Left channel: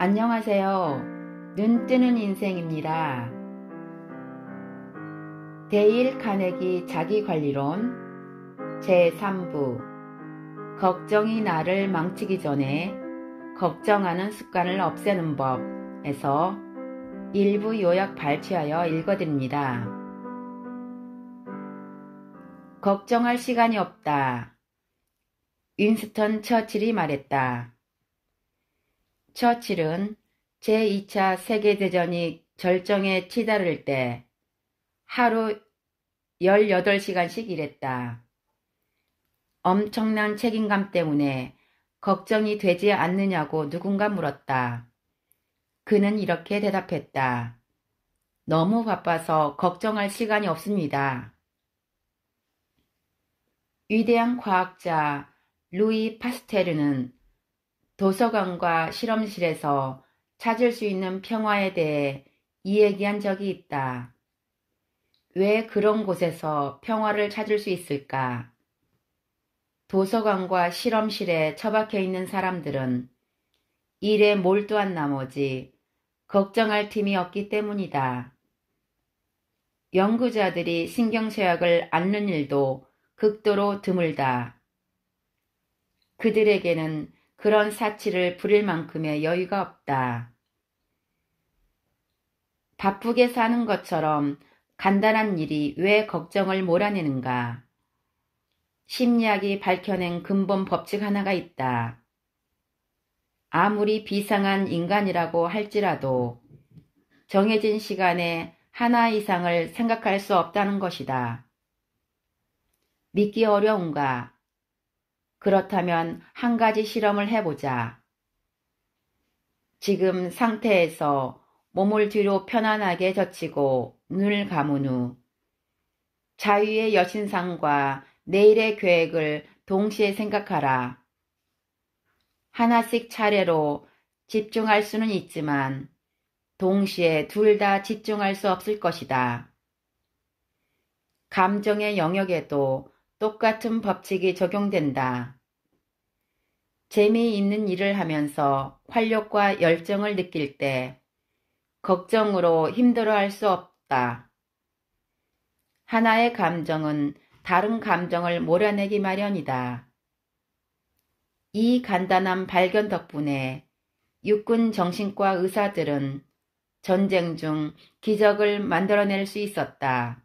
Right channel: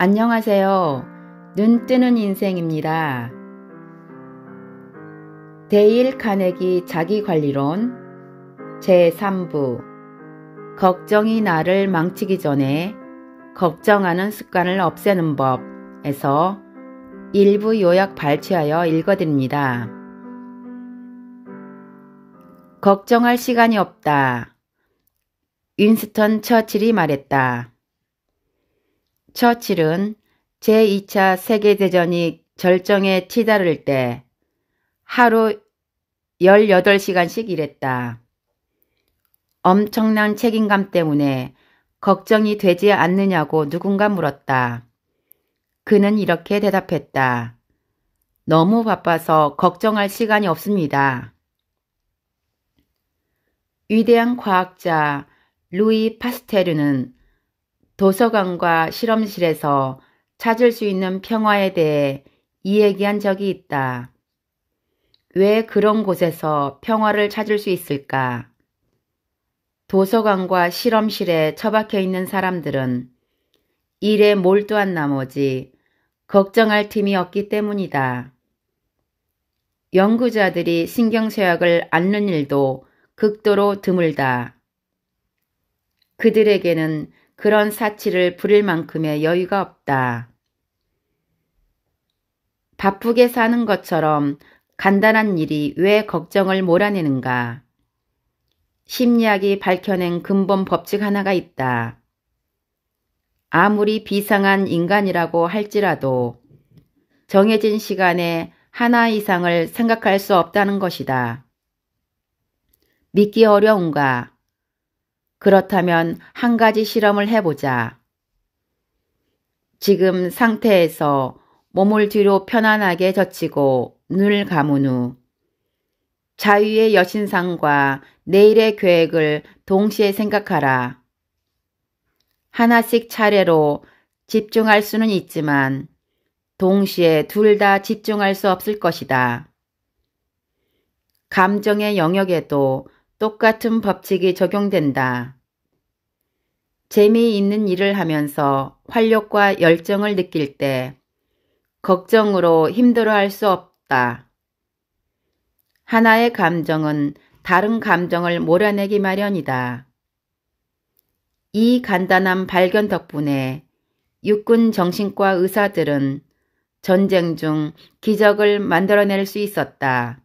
안녕하세요. 눈 뜨는 인생입니다. 데일 카네기 자기관리론 제3부 걱정이 나를 망치기 전에 걱정하는 습관을 없애는 법에서 일부 요약 발췌하여 읽어드립니다. 걱정할 시간이 없다. 윈스턴 처칠이 말했다. 처칠은 제2차 세계대전이 절정에 치달을 때 하루 18시간씩 일했다. 엄청난 책임감 때문에 걱정이 되지 않느냐고 누군가 물었다. 그는 이렇게 대답했다. 너무 바빠서 걱정할 시간이 없습니다. 위대한 과학자 루이 파스테르는 도서관과 실험실에서 찾을 수 있는 평화에 대해 이야기한 적이 있다. 왜 그런 곳에서 평화를 찾을 수 있을까? 도서관과 실험실에 처박혀 있는 사람들은 일에 몰두한 나머지 걱정할 틈이 없기 때문이다. 연구자들이 신경쇠약을 앓는 일도 극도로 드물다. 그들에게는 그런 사치를 부릴 만큼의 여유가 없다. 바쁘게 사는 것처럼 간단한 일이 왜 걱정을 몰아내는가? 심리학이 밝혀낸 근본 법칙 하나가 있다. 아무리 비상한 인간이라고 할지라도 정해진 시간에 하나 이상을 생각할 수 없다는 것이다. 믿기 어려운가? 그렇다면 한 가지 실험을 해보자. 지금 상태에서 몸을 뒤로 편안하게 젖히고 눈을 감은 후 자유의 여신상과 내일의 계획을 동시에 생각하라. 하나씩 차례로 집중할 수는 있지만 동시에 둘 다 집중할 수 없을 것이다. 감정의 영역에도 똑같은 법칙이 적용된다. 재미있는 일을 하면서 활력과 열정을 느낄 때 걱정으로 힘들어할 수 없다. 하나의 감정은 다른 감정을 몰아내기 마련이다. 이 간단한 발견 덕분에 육군 정신과 의사들은 전쟁 중 기적을 만들어낼 수 있었다.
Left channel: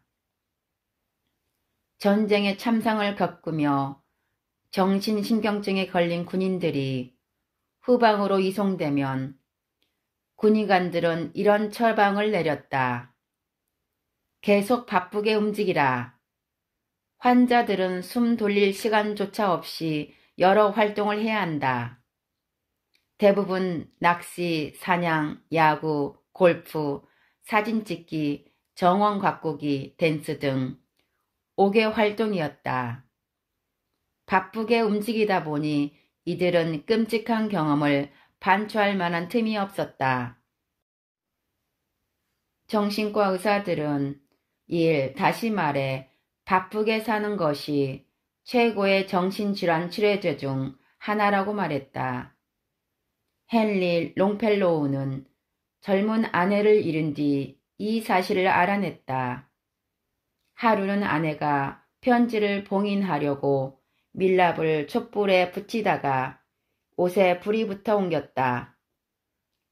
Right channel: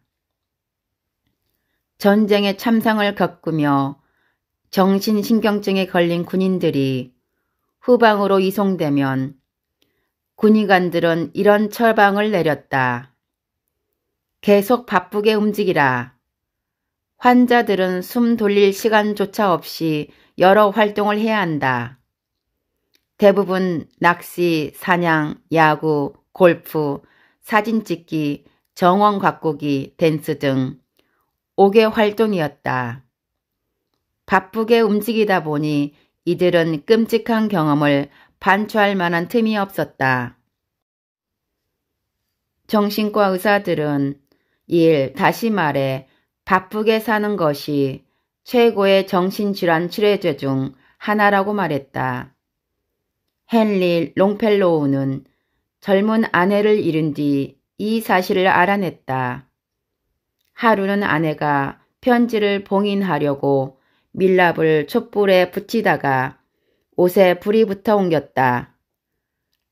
전쟁의 참상을 겪으며 정신신경증에 걸린 군인들이 후방으로 이송되면 군의관들은 이런 처방을 내렸다. 계속 바쁘게 움직이라. 환자들은 숨 돌릴 시간조차 없이 여러 활동을 해야 한다. 대부분 낚시, 사냥, 야구, 골프, 사진 찍기, 정원 가꾸기, 댄스 등 5개 활동이었다. 바쁘게 움직이다 보니 이들은 끔찍한 경험을 반추할 만한 틈이 없었다. 정신과 의사들은 다시 말해 바쁘게 사는 것이 최고의 정신질환 치료제 중 하나라고 말했다. 헨리 롱펠로우는 젊은 아내를 잃은 뒤 이 사실을 알아냈다. 하루는 아내가 편지를 봉인하려고 밀랍을 촛불에 붙이다가 옷에 불이 붙어 옮겼다.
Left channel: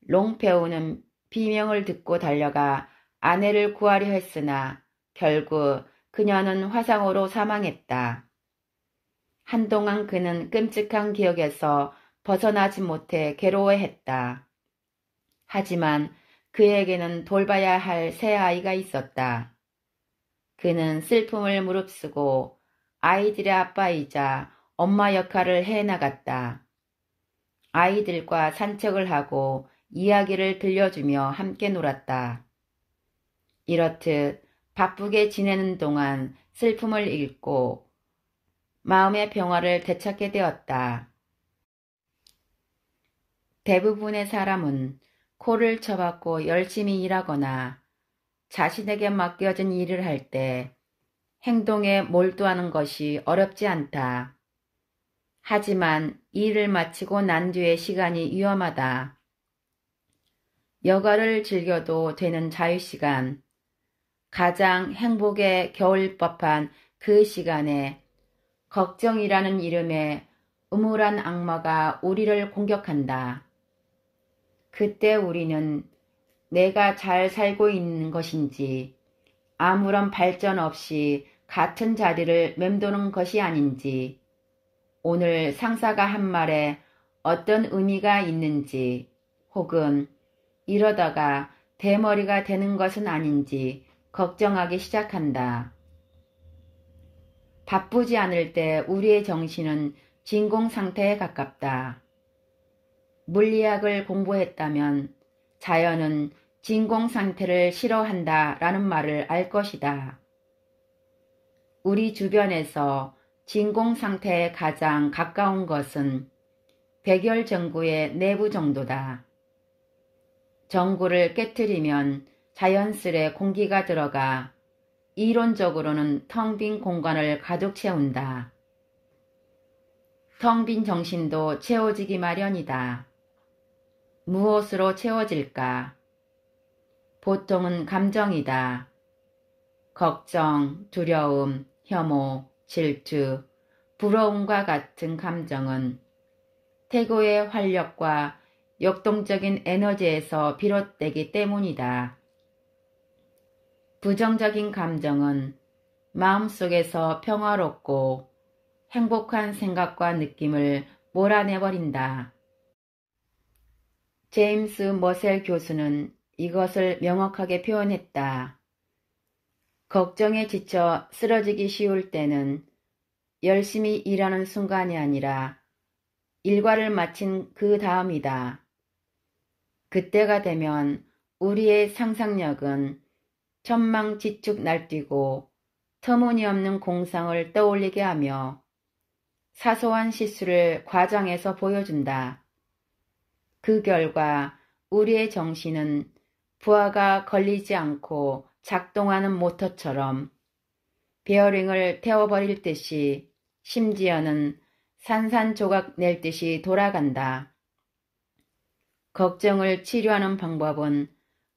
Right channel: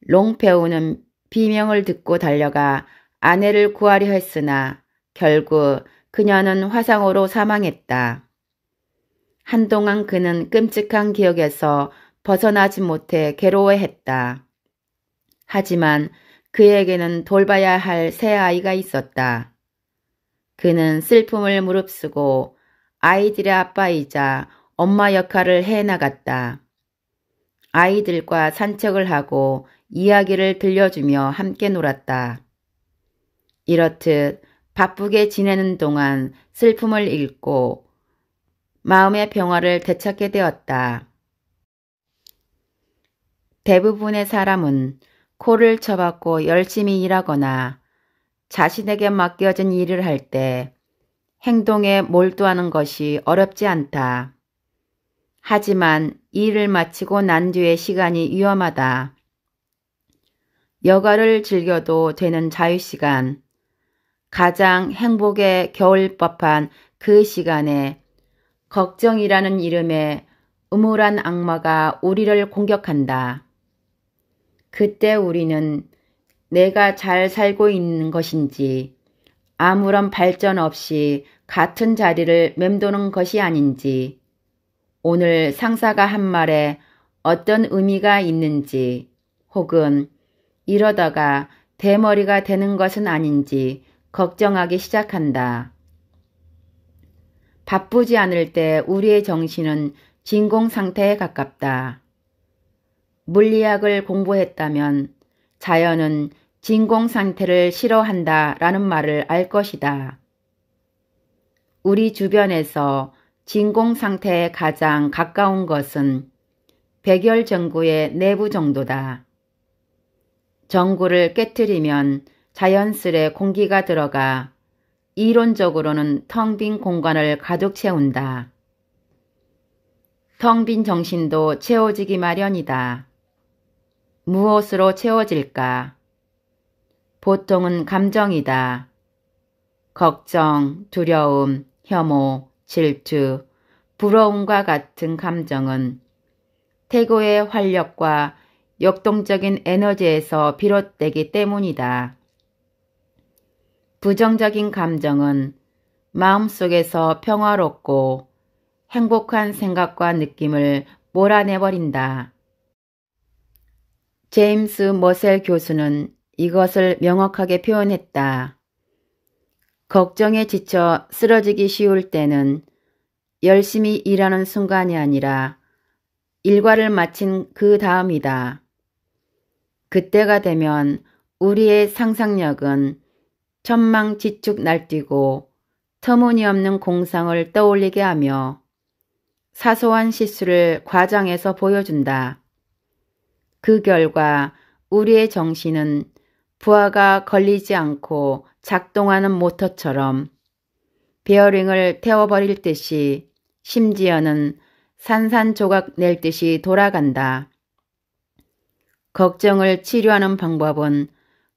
롱페우는 비명을 듣고 달려가 아내를 구하려 했으나 결국 그녀는 화상으로 사망했다. 한동안 그는 끔찍한 기억에서 벗어나지 못해 괴로워했다. 하지만 그에게는 돌봐야 할 새 아이가 있었다. 그는 슬픔을 무릅쓰고 아이들의 아빠이자 엄마 역할을 해나갔다. 아이들과 산책을 하고 이야기를 들려주며 함께 놀았다. 이렇듯 바쁘게 지내는 동안 슬픔을 잃고 마음의 평화를 되찾게 되었다. 대부분의 사람은 코를 쳐박고 열심히 일하거나 자신에게 맡겨진 일을 할 때 행동에 몰두하는 것이 어렵지 않다. 하지만 일을 마치고 난 뒤의 시간이 위험하다. 여가를 즐겨도 되는 자유시간, 가장 행복에 겨울 법한 그 시간에 걱정이라는 이름의 음울한 악마가 우리를 공격한다. 그때 우리는 내가 잘 살고 있는 것인지 아무런 발전 없이 같은 자리를 맴도는 것이 아닌지, 오늘 상사가 한 말에 어떤 의미가 있는지, 혹은 이러다가 대머리가 되는 것은 아닌지 걱정하기 시작한다. 바쁘지 않을 때 우리의 정신은 진공 상태에 가깝다. 물리학을 공부했다면 자연은 진공 상태를 싫어한다 라는 말을 알 것이다. 우리 주변에서 진공 상태에 가장 가까운 것은 백열전구의 내부 정도다. 전구를 깨트리면 자연스레 공기가 들어가 이론적으로는 텅 빈 공간을 가득 채운다. 텅 빈 정신도 채워지기 마련이다. 무엇으로 채워질까? 보통은 감정이다. 걱정, 두려움, 혐오, 질투, 부러움과 같은 감정은 태고의 활력과 역동적인 에너지에서 비롯되기 때문이다. 부정적인 감정은 마음속에서 평화롭고 행복한 생각과 느낌을 몰아내버린다. 제임스 머셀 교수는 이것을 명확하게 표현했다. 걱정에 지쳐 쓰러지기 쉬울 때는 열심히 일하는 순간이 아니라 일과를 마친 그 다음이다. 그때가 되면 우리의 상상력은 천망지축 날뛰고 터무니없는 공상을 떠올리게 하며 사소한 실수를 과장해서 보여준다. 그 결과 우리의 정신은 부하가 걸리지 않고 작동하는 모터처럼 베어링을 태워버릴 듯이, 심지어는 산산조각 낼 듯이 돌아간다. 걱정을 치료하는 방법은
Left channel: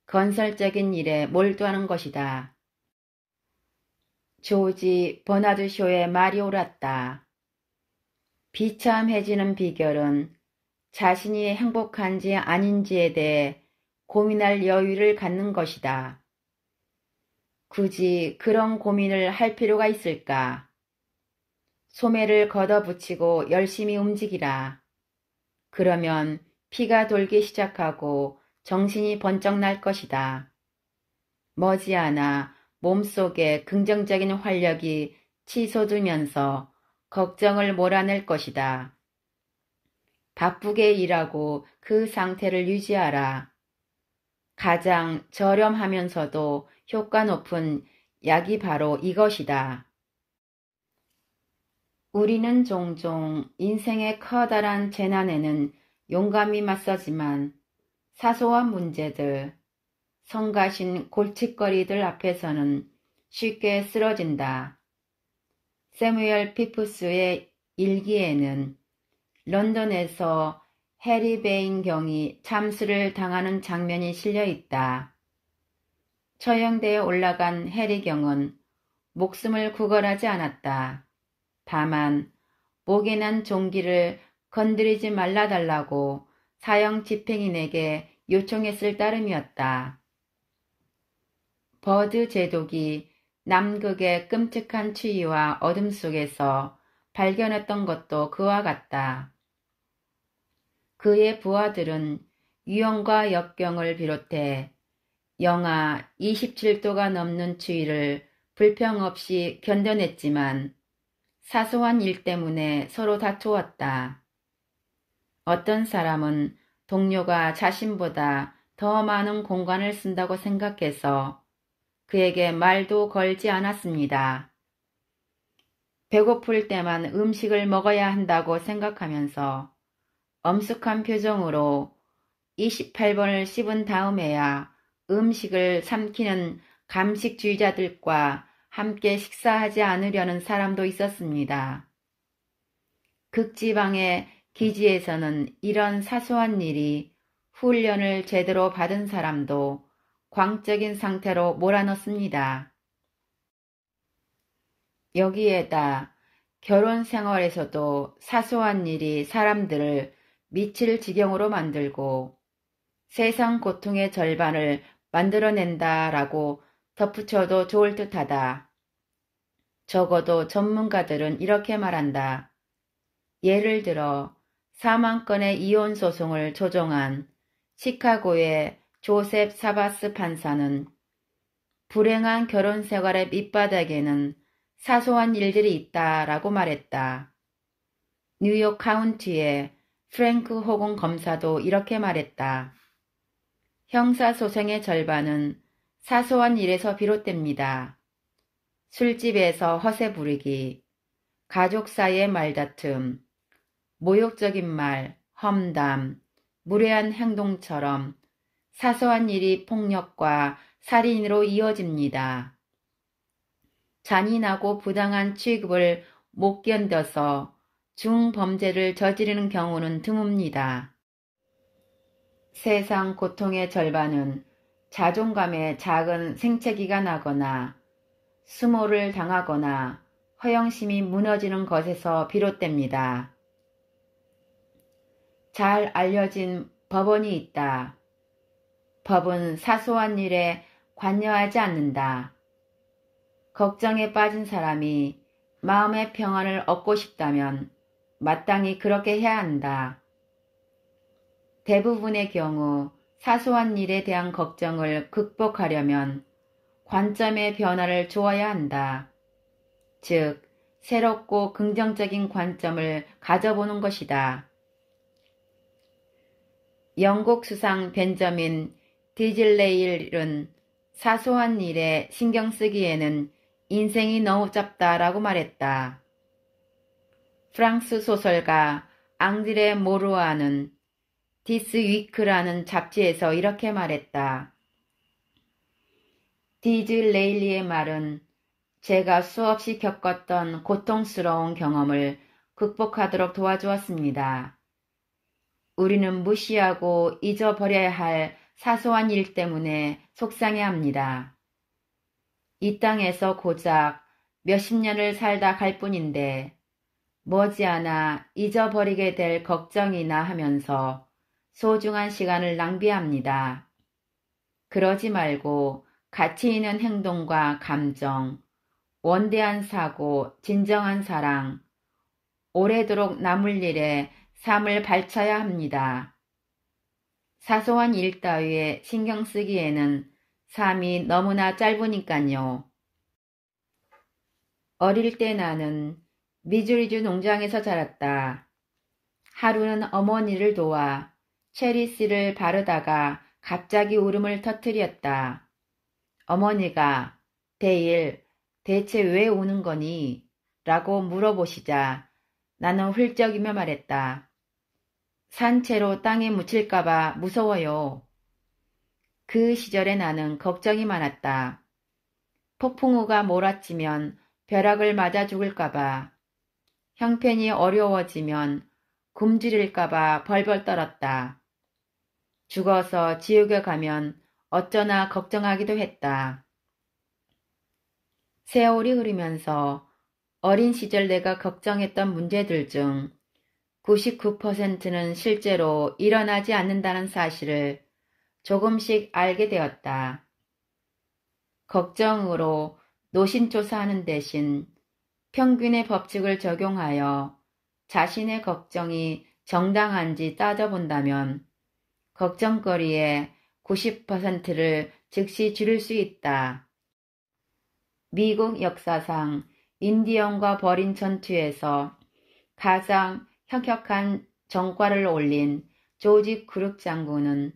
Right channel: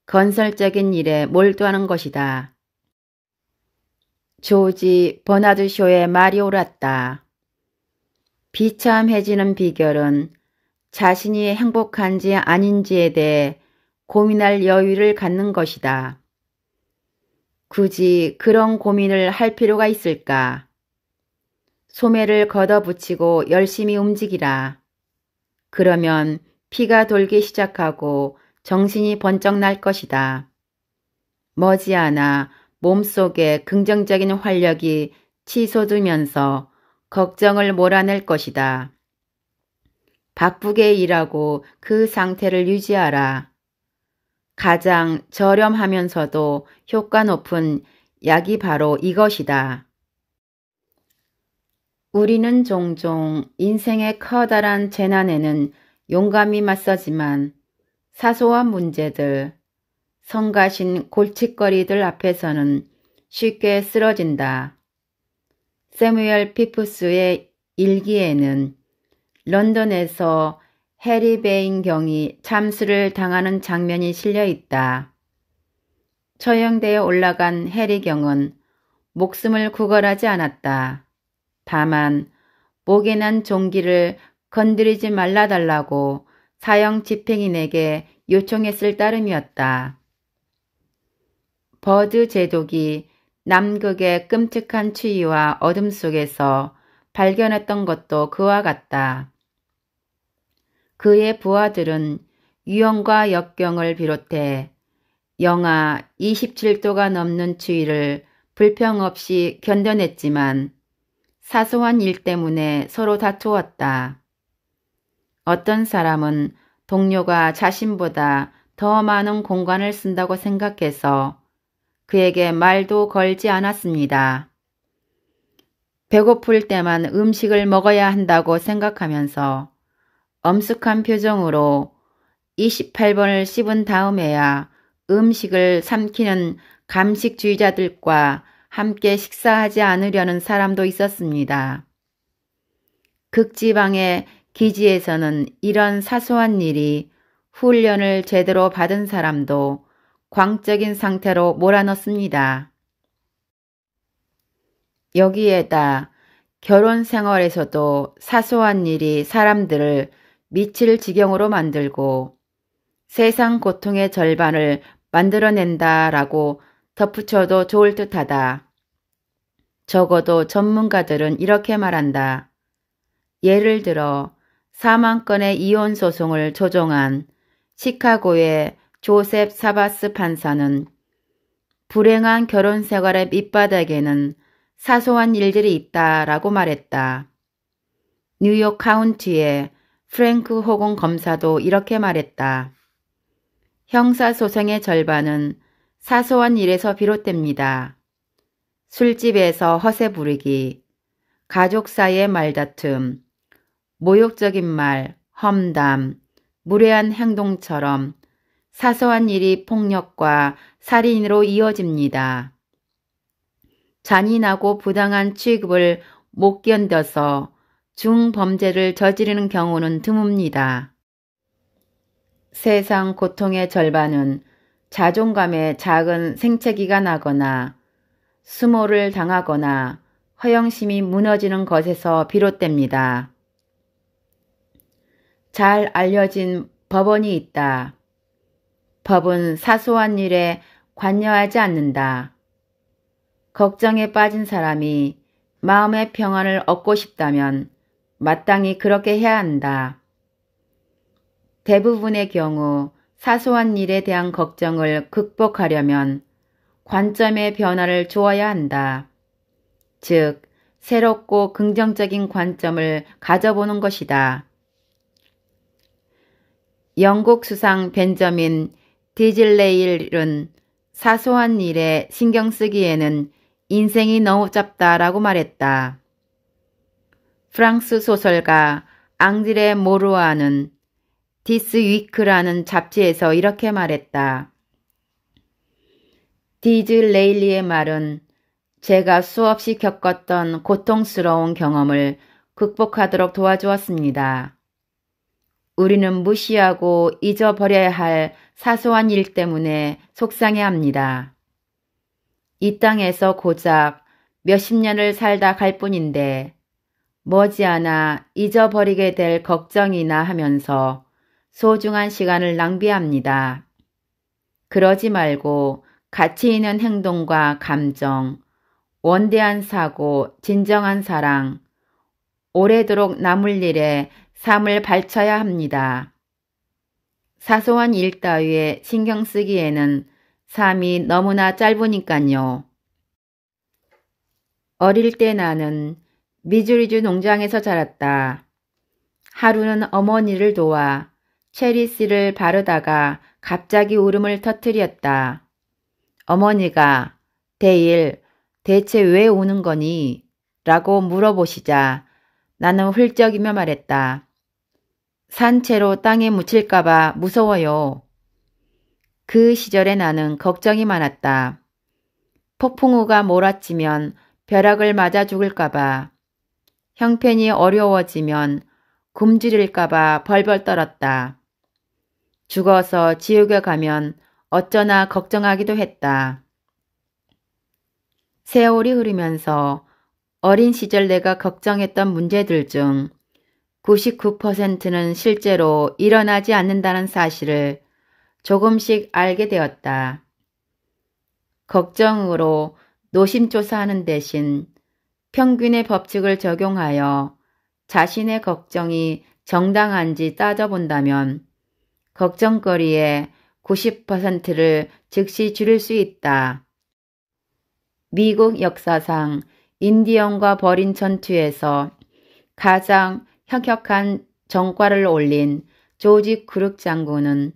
건설적인 일에 몰두하는 것이다. 조지 버나드 쇼의 말이 옳았다. 비참해지는 비결은 자신이 행복한지 아닌지에 대해 고민할 여유를 갖는 것이다. 굳이 그런 고민을 할 필요가 있을까? 소매를 걷어붙이고 열심히 움직이라. 그러면 피가 돌기 시작하고 정신이 번쩍 날 것이다. 머지않아 몸속에 긍정적인 활력이 치솟으면서 걱정을 몰아낼 것이다. 바쁘게 일하고 그 상태를 유지하라. 가장 저렴하면서도 효과 높은 약이 바로 이것이다. 우리는 종종 인생의 커다란 재난에는 용감히 맞서지만 사소한 문제들, 성가신 골칫거리들 앞에서는 쉽게 쓰러진다. 세뮤얼 피프스의 일기에는 런던에서 해리 베인 경이 참수를 당하는 장면이 실려 있다. 처형대에 올라간 해리 경은 목숨을 구걸하지 않았다. 다만 목에 난 종기를 건드리지 말라달라고 사형 집행인에게 요청했을 따름이었다. 버드 제독이 남극의 끔찍한 추위와 어둠 속에서 발견했던 것도 그와 같다. 그의 부하들은 유형과 역경을 비롯해 영하 27도가 넘는 추위를 불평 없이 견뎌냈지만 사소한 일 때문에 서로 다투었다. 어떤 사람은 동료가 자신보다 더 많은 공간을 쓴다고 생각해서 그에게 말도 걸지 않았습니다. 배고플 때만 음식을 먹어야 한다고 생각하면서 엄숙한 표정으로 28번을 씹은 다음에야 음식을 삼키는 감식주의자들과 함께 식사하지 않으려는 사람도 있었습니다. 극지방의 기지에서는 이런 사소한 일이 훈련을 제대로 받은 사람도 광적인 상태로 몰아넣습니다. 여기에다 결혼 생활에서도 사소한 일이 사람들을 미칠 지경으로 만들고 세상 고통의 절반을 만들어낸다라고 덧붙여도 좋을 듯하다. 적어도 전문가들은 이렇게 말한다. 예를 들어 4만 건의 이혼 소송을 조정한 시카고의 조셉 사바스 판사는 불행한 결혼 생활의 밑바닥에는 사소한 일들이 있다라고 말했다. 뉴욕 카운티의 프랭크 호건 검사도 이렇게 말했다. 형사소송의 절반은 사소한 일에서 비롯됩니다. 술집에서 허세 부르기, 가족 사이의 말다툼, 모욕적인 말, 험담, 무례한 행동처럼 사소한 일이 폭력과 살인으로 이어집니다. 잔인하고 부당한 취급을 못 견뎌서 중범죄를 저지르는 경우는 드뭅니다. 세상 고통의 절반은 자존감에 작은 생채기가 나거나 수모를 당하거나 허영심이 무너지는 것에서 비롯됩니다. 잘 알려진 법원이 있다. 법은 사소한 일에 관여하지 않는다. 걱정에 빠진 사람이 마음의 평안을 얻고 싶다면 마땅히 그렇게 해야 한다. 대부분의 경우 사소한 일에 대한 걱정을 극복하려면 관점의 변화를 주어야 한다. 즉, 새롭고 긍정적인 관점을 가져보는 것이다. 영국 수상 벤저민 디즐레일은 사소한 일에 신경 쓰기에는 인생이 너무 짧다라고 말했다. 프랑스 소설가 앙드레 모루아는 디스 위크라는 잡지에서 이렇게 말했다. 디즐레일리의 말은 제가 수없이 겪었던 고통스러운 경험을 극복하도록 도와주었습니다. 우리는 무시하고 잊어버려야 할 사소한 일 때문에 속상해합니다. 이 땅에서 고작 몇십 년을 살다 갈 뿐인데 머지않아 잊어버리게 될 걱정이나 하면서 소중한 시간을 낭비합니다. 그러지 말고 가치 있는 행동과 감정, 원대한 사고, 진정한 사랑, 오래도록 남을 일에 삶을 바쳐야 합니다. 사소한 일 따위에 신경 쓰기에는 삶이 너무나 짧으니까요. 어릴 때 나는 미주리주 농장에서 자랐다. 하루는 어머니를 도와 체리씨를 바르다가 갑자기 울음을 터뜨렸다. 어머니가 데일, 대체 왜 우는 거니? 라고 물어보시자 나는 훌쩍이며 말했다. 산채로 땅에 묻힐까봐 무서워요. 그 시절에 나는 걱정이 많았다. 폭풍우가 몰아치면 벼락을 맞아 죽을까봐, 형편이 어려워지면 굶주릴까봐 벌벌 떨었다. 죽어서 지옥에 가면 어쩌나 걱정하기도 했다. 세월이 흐르면서 어린 시절 내가 걱정했던 문제들 중 99%는 실제로 일어나지 않는다는 사실을 조금씩 알게 되었다. 걱정으로 노심초사하는 대신 평균의 법칙을 적용하여 자신의 걱정이 정당한지 따져본다면 걱정거리의 90%를 즉시 줄일 수 있다. 미국 역사상 인디언과 벌인 전투에서 가장 혁혁한 전과를 올린 조지 크룩 장군은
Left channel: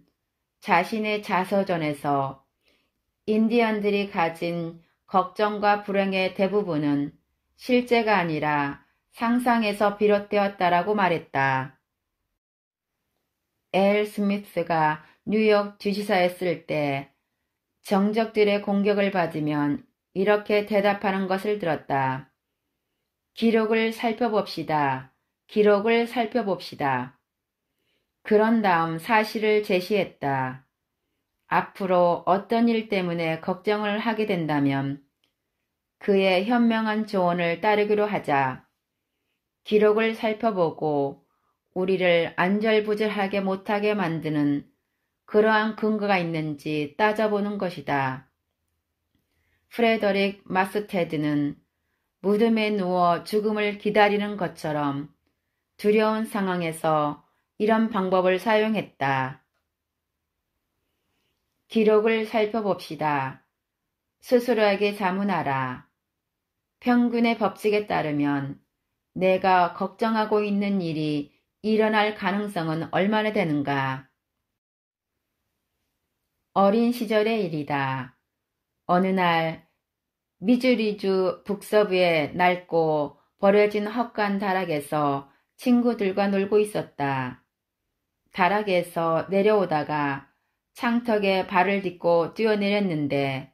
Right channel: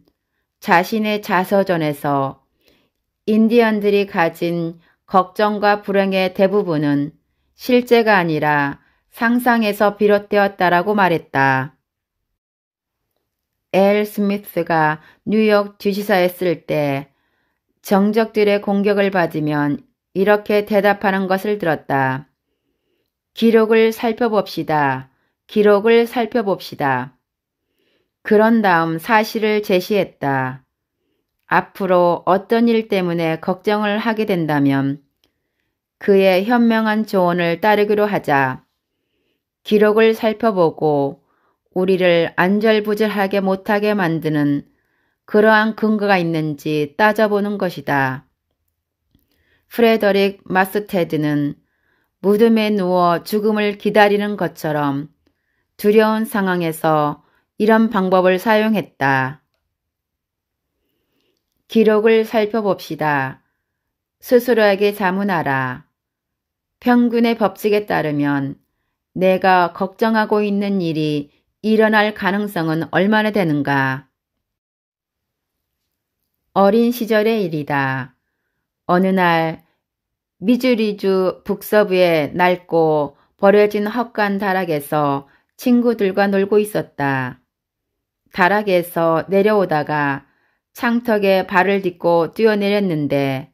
자신의 자서전에서 인디언들이 가진 걱정과 불행의 대부분은 실제가 아니라 상상에서 비롯되었다라고 말했다. 엘 스미스가 뉴욕 주지사였을 때 정적들의 공격을 받으면 이렇게 대답하는 것을 들었다. 기록을 살펴봅시다. 기록을 살펴봅시다. 그런 다음 사실을 제시했다. 앞으로 어떤 일 때문에 걱정을 하게 된다면 그의 현명한 조언을 따르기로 하자. 기록을 살펴보고 우리를 안절부절하게 못하게 만드는 그러한 근거가 있는지 따져보는 것이다. 프레더릭 마스테드는 무덤에 누워 죽음을 기다리는 것처럼 두려운 상황에서 이런 방법을 사용했다. 기록을 살펴봅시다. 스스로에게 자문하라. 평균의 법칙에 따르면 내가 걱정하고 있는 일이 일어날 가능성은 얼마나 되는가? 어린 시절의 일이다. 어느 날 미주리주 북서부의 낡고 버려진 헛간 다락에서 친구들과 놀고 있었다. 다락에서 내려오다가 창턱에 발을 딛고 뛰어내렸는데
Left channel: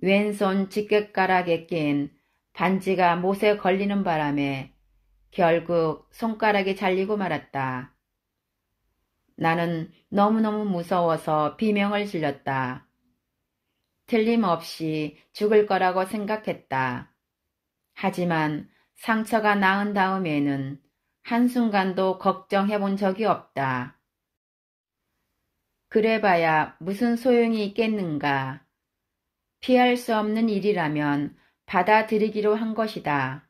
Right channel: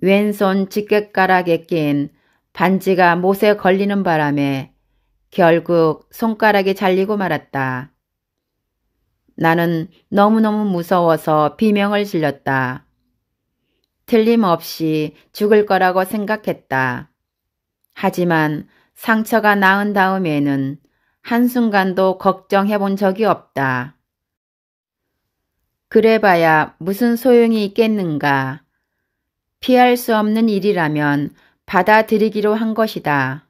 왼손 집게가락에 낀 반지가 못에 걸리는 바람에 결국 손가락이 잘리고 말았다. 나는 너무너무 무서워서 비명을 질렀다. 틀림없이 죽을 거라고 생각했다. 하지만 상처가 나은 다음에는 한순간도 걱정해 본 적이 없다. 그래봐야 무슨 소용이 있겠는가. 피할 수 없는 일이라면 받아들이기로 한 것이다.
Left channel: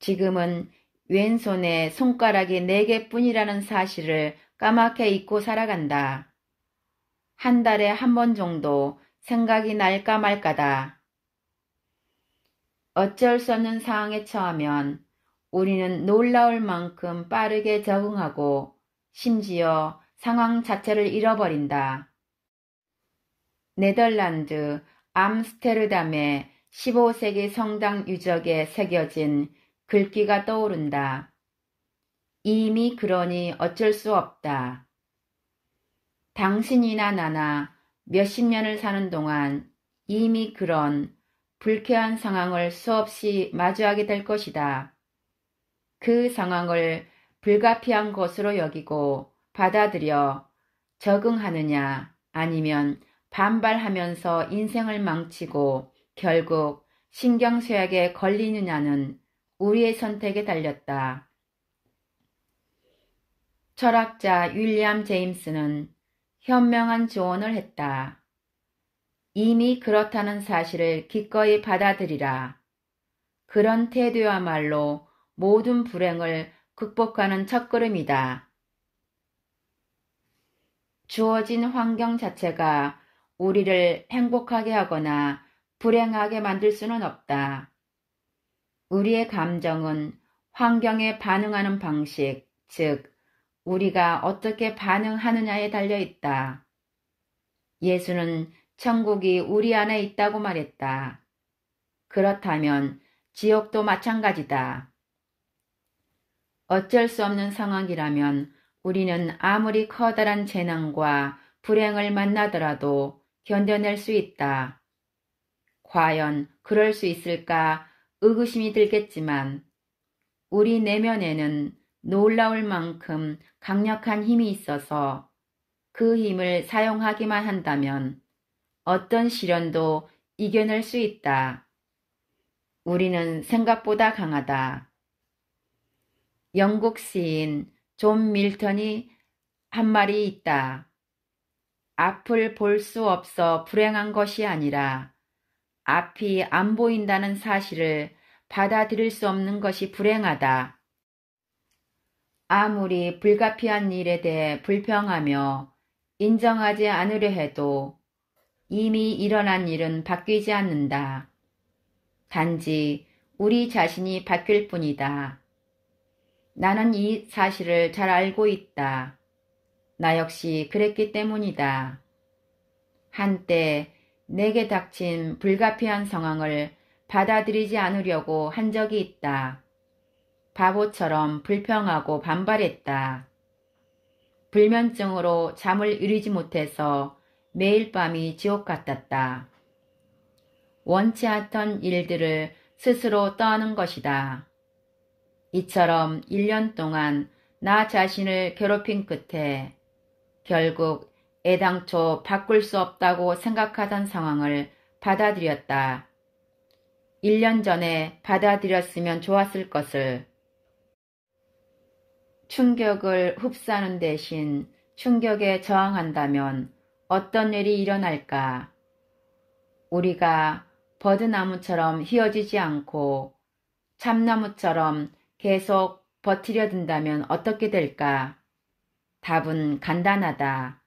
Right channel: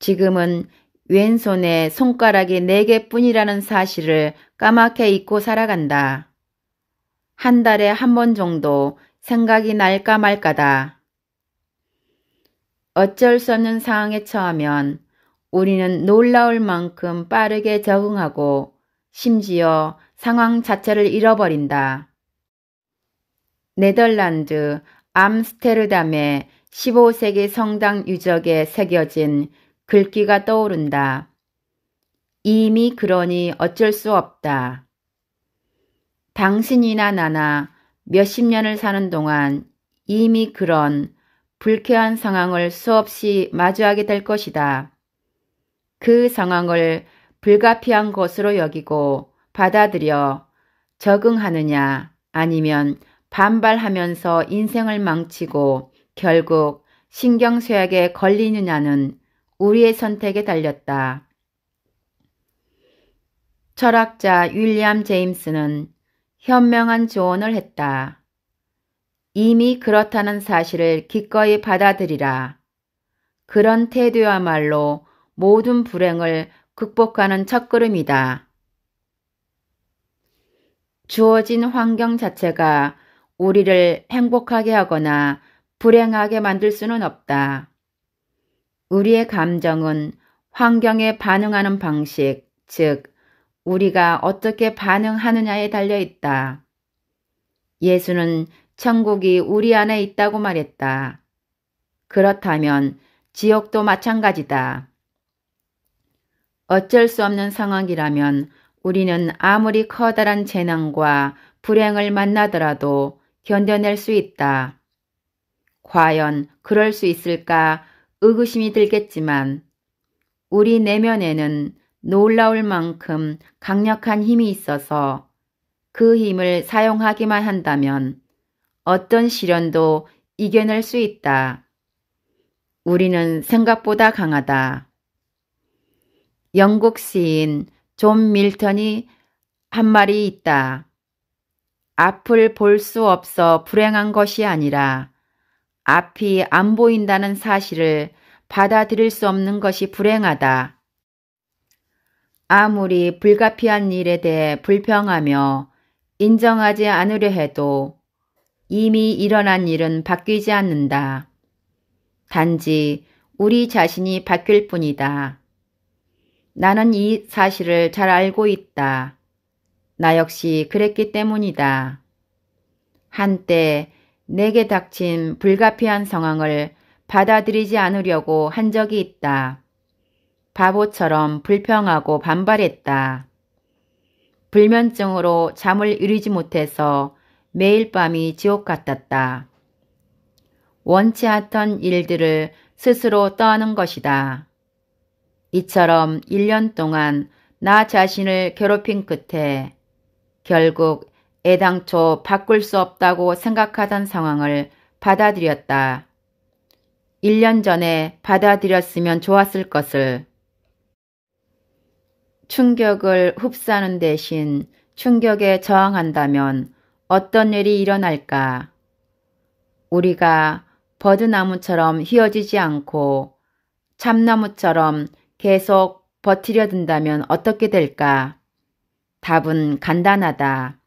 지금은 왼손에 손가락이 4개뿐이라는 사실을 까맣게 잊고 살아간다. 한 달에 한 번 정도 생각이 날까 말까다. 어쩔 수 없는 상황에 처하면 우리는 놀라울 만큼 빠르게 적응하고 심지어 상황 자체를 잃어버린다. 네덜란드 암스테르담의 15세기 성당 유적에 새겨진 글귀가 떠오른다. 이미 그러니 어쩔 수 없다. 당신이나 나나 몇십 년을 사는 동안 이미 그런 불쾌한 상황을 수없이 마주하게 될 것이다. 그 상황을 불가피한 것으로 여기고 받아들여 적응하느냐 아니면 반발하면서 인생을 망치고 결국 신경쇠약에 걸리느냐는 우리의 선택에 달렸다. 철학자 윌리엄 제임스는 현명한 조언을 했다. 이미 그렇다는 사실을 기꺼이 받아들이라. 그런 태도야말로 모든 불행을 극복하는 첫걸음이다. 주어진 환경 자체가 우리를 행복하게 하거나 불행하게 만들 수는 없다. 우리의 감정은 환경에 반응하는 방식, 즉 우리가 어떻게 반응하느냐에 달려있다. 예수는 천국이 우리 안에 있다고 말했다. 그렇다면 지옥도 마찬가지다. 어쩔 수 없는 상황이라면 우리는 아무리 커다란 재난과 불행을 만나더라도 견뎌낼 수 있다. 과연 그럴 수 있을까 의구심이 들겠지만 우리 내면에는 놀라울 만큼 강력한 힘이 있어서 그 힘을 사용하기만 한다면 어떤 시련도 이겨낼 수 있다. 우리는 생각보다 강하다. 영국 시인 존 밀턴이 한 말이 있다. 앞을 볼 수 없어 불행한 것이 아니라 앞이 안 보인다는 사실을 받아들일 수 없는 것이 불행하다. 아무리 불가피한 일에 대해 불평하며 인정하지 않으려 해도 이미 일어난 일은 바뀌지 않는다. 단지 우리 자신이 바뀔 뿐이다. 나는 이 사실을 잘 알고 있다. 나 역시 그랬기 때문이다. 한때 내게 닥친 불가피한 상황을 받아들이지 않으려고 한 적이 있다. 바보처럼 불평하고 반발했다. 불면증으로 잠을 이루지 못해서 매일 밤이 지옥 같았다. 원치 않던 일들을 스스로 떠하는 것이다. 이처럼 1년 동안 나 자신을 괴롭힌 끝에 결국 애당초 바꿀 수 없다고 생각하던 상황을 받아들였다. 1년 전에 받아들였으면 좋았을 것을. 충격을 흡수하는 대신 충격에 저항한다면 어떤 일이 일어날까? 우리가 버드나무처럼 휘어지지 않고 참나무처럼 계속 버티려 든다면 어떻게 될까? 답은 간단하다.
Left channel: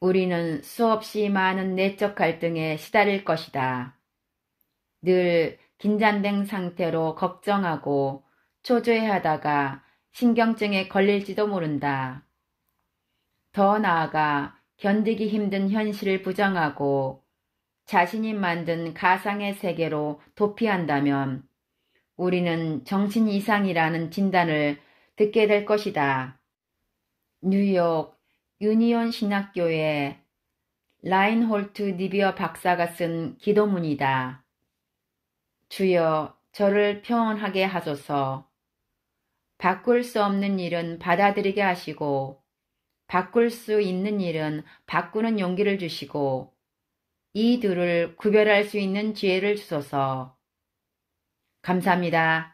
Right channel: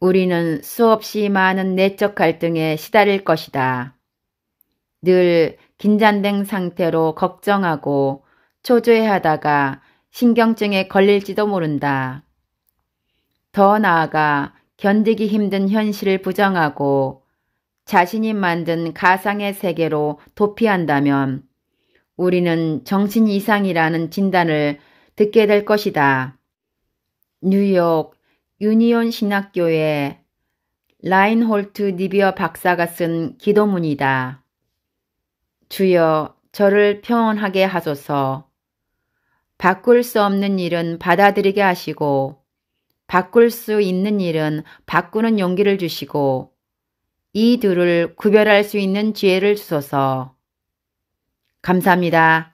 우리는 수없이 많은 내적 갈등에 시달릴 것이다. 늘 긴장된 상태로 걱정하고 초조해하다가 신경증에 걸릴지도 모른다. 더 나아가 견디기 힘든 현실을 부정하고 자신이 만든 가상의 세계로 도피한다면 우리는 정신 이상이라는 진단을 듣게 될 것이다. 뉴욕 유니온 신학교의 라인홀트 니비어 박사가 쓴 기도문이다. 주여 저를 평온하게 하소서. 바꿀 수 없는 일은 받아들이게 하시고 바꿀 수 있는 일은 바꾸는 용기를 주시고 이 둘을 구별할 수 있는 지혜를 주소서. 감사합니다.